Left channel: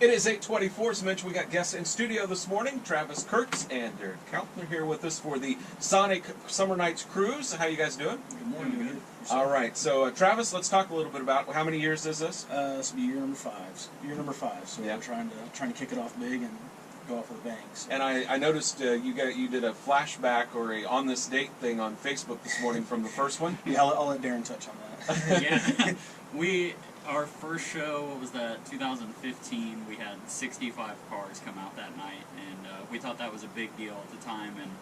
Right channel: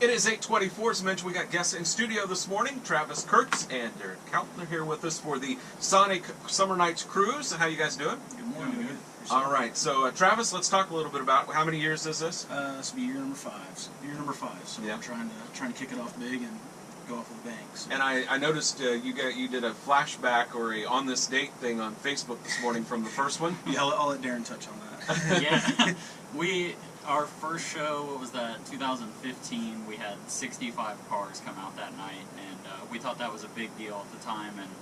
It is 8:24. As mentioned, we got guests in studio this morning. Travis Kurtz and Darren Keltner here with us for the Sonic Summer Nights Cruise. How you guys doing? Good morning. Good. All right. So, Travis, let's talk a little bit about how many years is this? This will be year number five. So Yeah. we're trying to kick it off big and go off with a bang. So. And I noticed you did a flashback or a on this date thing on Facebook this morning from the first one. Yeah, I'll let Darren touch on that. Yeah, our first show, what was that, 2015, we had 65 cars come out that night, and we thought that was a big deal at the time, and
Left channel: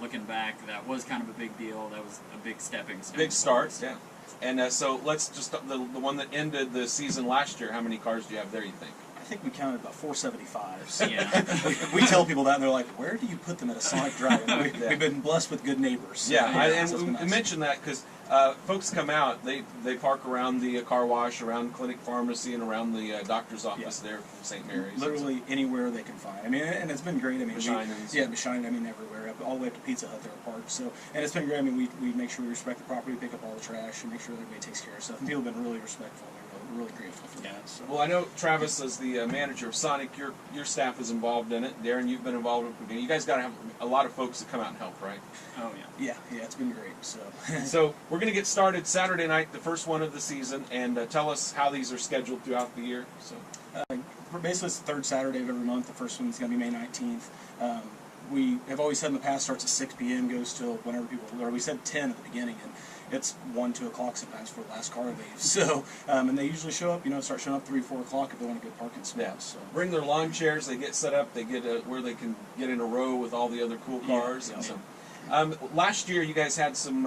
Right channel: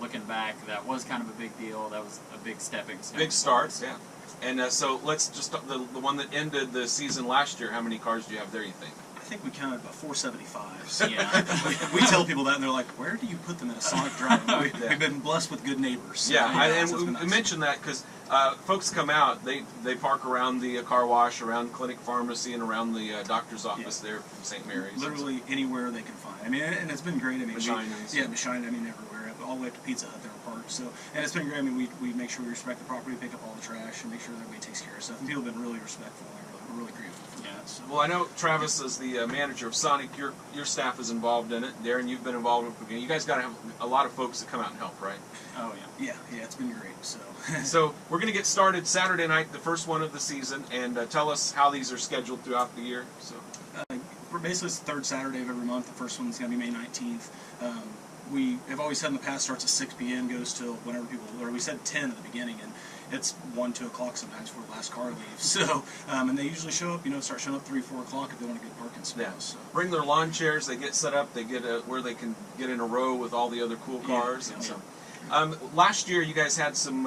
looking back, that was kind of a big deal. That was a big stepping stone. Big start, yeah. And so let's just, the one that ended the season last year, how many cars do you have there, you think? I think we counted about 475. So Yeah. we tell people that, and they're like, where do you put them at a Sonic drive? We've been blessed with good neighbors. So, Yeah, and so we nice. mentioned that because folks come out, they park around the car wash, around Clinic Pharmacy, and around the doctor's office there from St. Mary's. Literally anywhere they can find. I mean, and it's been great. I mean, Bashinen'. I mean, everywhere, all the way up to Pizza Hut, they were parked. So, and it's been great. I mean, we make sure we respect the property, pick up all the trash, and make sure that everybody takes care of stuff. And people have been really respectful, and we're really grateful for that. So. Well, I know Travis, as the manager of Sonic, your staff is involved in it. Darren, you've been involved with it. You guys got to have a lot of folks that come out and help, right? Oh, yeah. Yeah, it's been great. So, so we're going to get started Saturday night, the first one of the season, and tell us how these are scheduled throughout the year. So, we're basically it's the third Saturday of every month. The first one's going to be May 19th. We have always said in the past starts at 6 p.m. goes till whenever people. Or we said 10 at the beginning, and it's 1, 2 o'clock sometimes before the last car leaves. So, and they usually show up. Start showing up 3, 4 o'clock if they want a good parking spot. yeah. So Bring their lawn chairs. They get set up. They get where they can get in a row with all the other cool cars. Yeah, and yeah. so. Last year, you guys had some.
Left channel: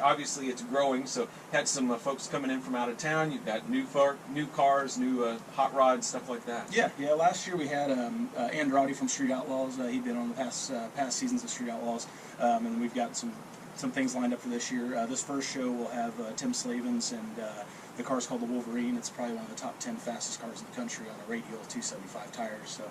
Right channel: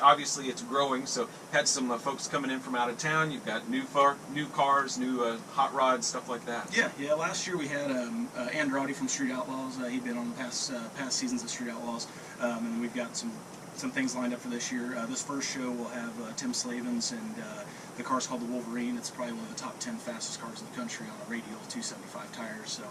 Obviously, it's growing, so had some folks coming in from out of town. You've got new cars, new hot rods, stuff like that. Yeah. Last year we had Andrade from Street Outlaws. He'd been on the past seasons of Street Outlaws, and then we've got some things lined up for this year. This first show we'll have Tim Slavens, and the car's called the Wolverine. It's probably one of the top 10 fastest cars in the country on a radial 275 tires. So,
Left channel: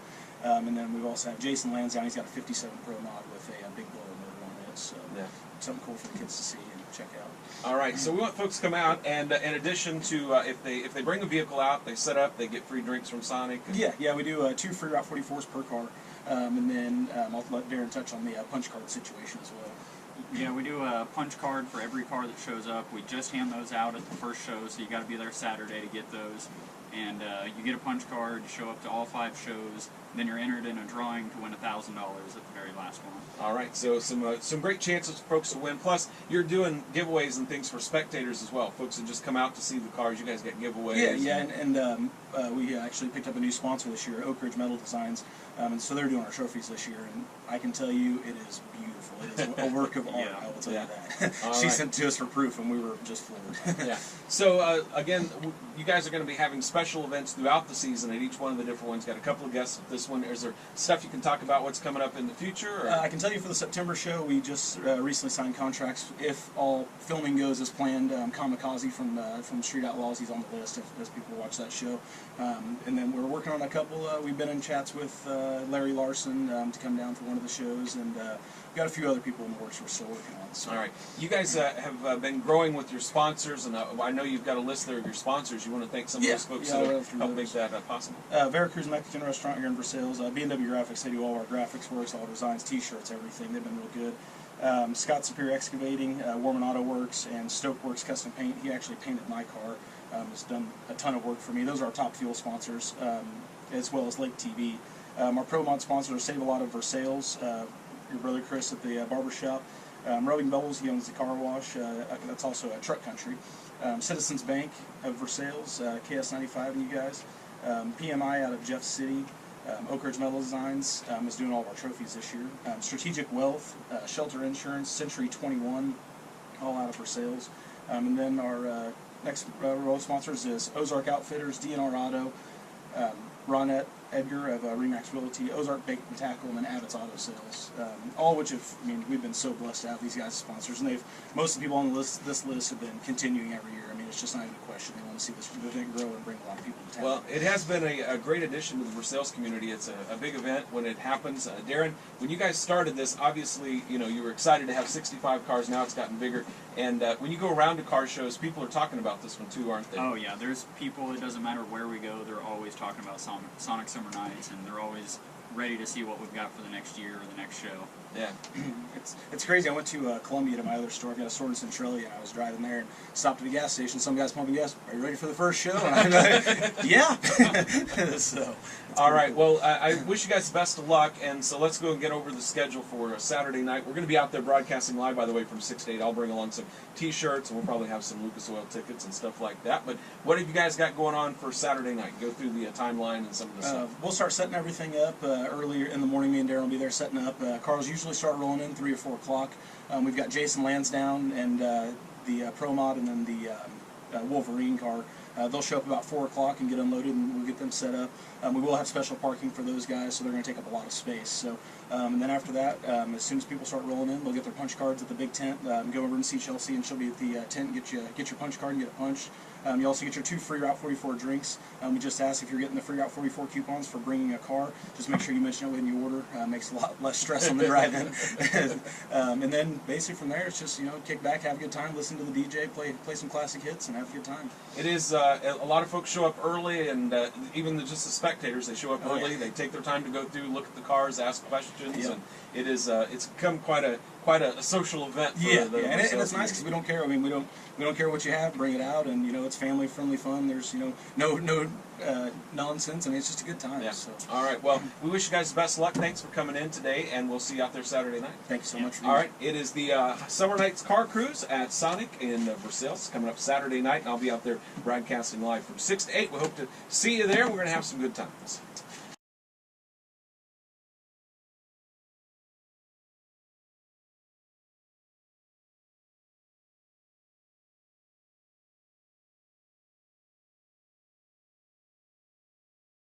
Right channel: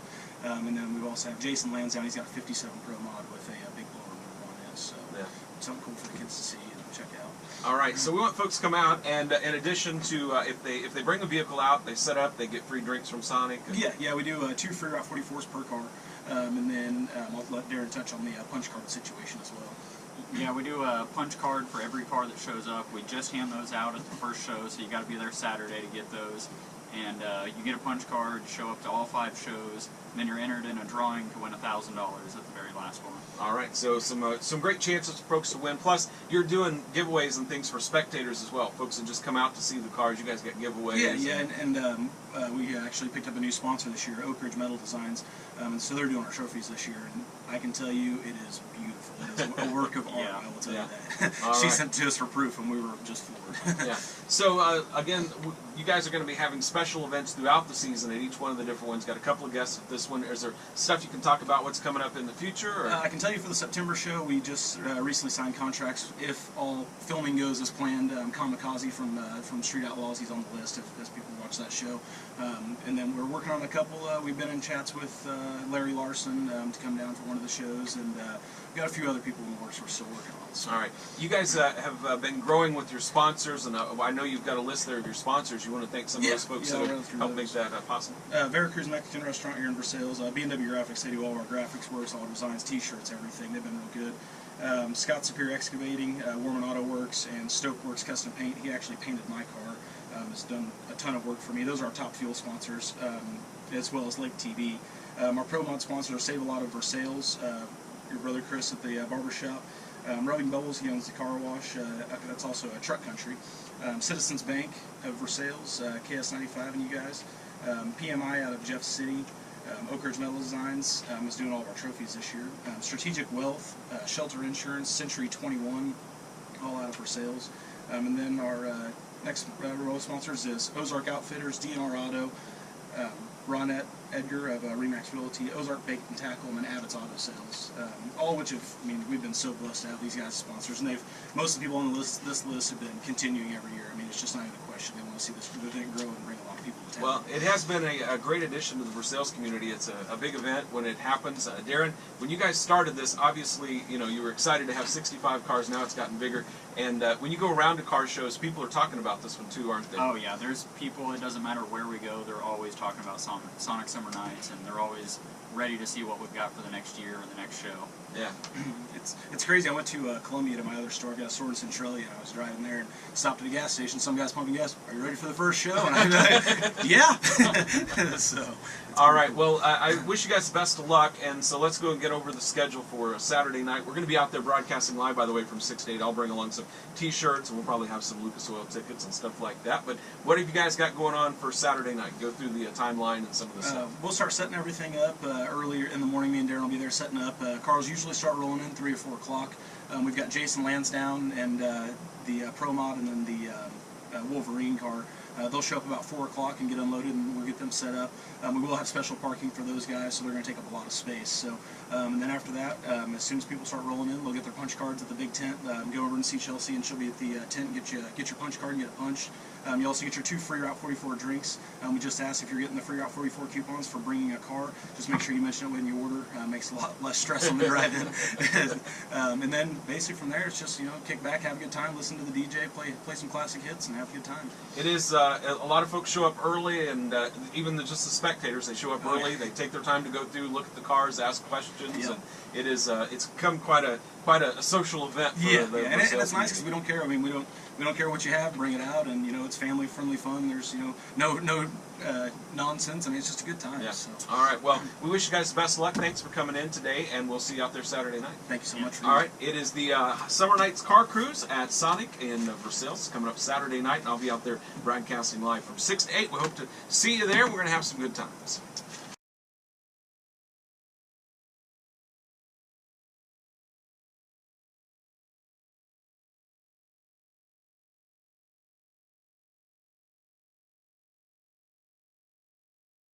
and then we also have Jason Lansdowne. He's got a 57 Pro mod with a big blower motor on it. So yeah. Something cool for the kids to see and check out. All right, so we want folks to come out, and in addition to if they bring a vehicle out, they set up, they get free drinks from Sonic. Yeah, we do 2 free Route 44s per car, and then I'll let Darren touch on the punch card situation as well. Yeah, we do a punch card for every car that shows up. We just hand those out at the first show, so you got to be there Saturday to get those. And you get a punch card, show up to all 5 shows, then you're entered in a drawing to win $1,000 at the very last one. All right, so some great chances for folks to win. Plus, you're doing giveaways and things for spectators as well. Folks that just come out to see the cars, you guys get giveaways. Yeah, and we actually picked up a new sponsor this year, Oak Ridge Metal Designs, and so they're doing our trophies this year, and I can tell you it is beautiful. It is a work of art, Yeah. I will tell you that. She sent to us for proof, and we were just floored. Yeah. So, again, you guys are going to be having special events throughout the season at each one of the different ones. Got a couple of guests at this one. Is there stuff you can talk about what's coming up in the future? Or? I can tell you for the September show, we just recently signed contracts. If all filming goes as planned, Kamikaze from Street Outlaws, he's on the list as people watch that show. And then we're working on a couple. We've been in chats with Larry Larson to come down for one of the shows, and we've got a few other people in the works we're still working on. So. All right. You guys have been growing with your sponsors, and I know you've got a list there of your sponsors. You want to thank some of those folks that help make that possible? Veracruz Mexican Restaurant here in Versailles. B&W Graphics, they do all our graphics works, all our designs, T-shirts, everything. They've been real good. Scott Superior Excavating, Warman Auto Works, and Stoke Works Custom Paint. He actually painted my car. Has done a ton of work for me. Those are our top fuel sponsors, as well as Lake TV. Our Pro Mod sponsors are Save a Lot of Versailles, your brother Chris at the barbershop. Rubbing Bubbles, he owns the car wash. That's also a truck country. Citizens Bank of Versailles, KS95 and you guys. PMI out of Jeff City. Oak Ridge Metal Designs is doing all of our trophies this year. Strategic Wealth, Shelter Insurance, Century 21, all out of Versailles. And then our next row of sponsors is Ozark Outfitters, DNR Auto, Ronette Edgar of Remax Realty, Ozark Bait and Tackle, and then Abbott's Auto Sales. All which we've been so blessed to have these guys as sponsors, and most of the people on this list have been continuing every year. I mean, it's just not even a question. They want to see this event grow and bring a lot of people to town. Well, it has been a great addition to the Versailles community. It's a big event when it happens. Darren, when you guys started this, obviously, you were excited to have 65 cars. Now it's gotten bigger. And when you go around to car shows, people are talking about this one too, aren't they? Oh yeah, there's people. It doesn't matter where we go. They're always talking about Sonic Summer Nights, and they're always ready to see what we've got for the next year or the next show. Yeah. It's crazy. I went to Columbia to my other store. I've got a store in Centralia, and I was driving there and stopped at the gas station. Some guy's pumping gas. Are you ready for the first show? And I'm like, yeah. So. All right. Cool. Well, I wish you guys the best of luck, and so let's go and get over the schedule for Saturday night. We're going to be out there broadcasting live, by the way, from 6 to 8. I'll bring along some T-shirts, and we'll probably have some Lucas Oil tickets and stuff like that. But what have you guys got going on for Saturday night? Go through the timeline and some of the stuff. We'll start setting everything up earlier in the morning. Me and Darren will be there setting up. Cars usually start rolling in 3 or 4 o'clock. We've got Jason Lansdowne and the Pro Mod, and then the Wolverine car. They'll show up about 4 o'clock and get unloaded, and we'll get them set up. We will have special parking for those guys, so they're going to take up a lot of space. So, and then after that, as soon as people start rolling in, they'll get their punch cards at the big tent. Go over and see Chelsea, and she'll be at the tent. Get your punch card and get a punch. You also get your 2 free Route 44 drinks. We just ask if you're getting the free Route 44 coupons for bringing a car. Just make sure you mention it when you order. Makes a lot less stress on the drive-in. And then basically from there, it's just kick back, have a good time, listen to the DJ, play some classic hits, and have a good time. It is a lot of folks show up early, and even just the spectators, they show up early. Yeah. They take their time to go through, look at the cars, ask questions, Yeah. and it is it's become quite a social event. For Yeah, the and Versailles it's nice because we don't care. I mean, we don't care what you have, bring it out, and it's family friendly fun. There's no nonsense. I mean, it's just a good time. Yeah. So. All right. Well, we wish you guys the best of luck. Thanks for coming in today, and we'll see you out there Saturday night. Thank you so much for All right. It is the Summer Nights Car Cruise at Sonic in Versailles coming up Saturday night, and I'll be out there broadcasting live from 6 to 8. We hope to see you there. We're going to have some good times.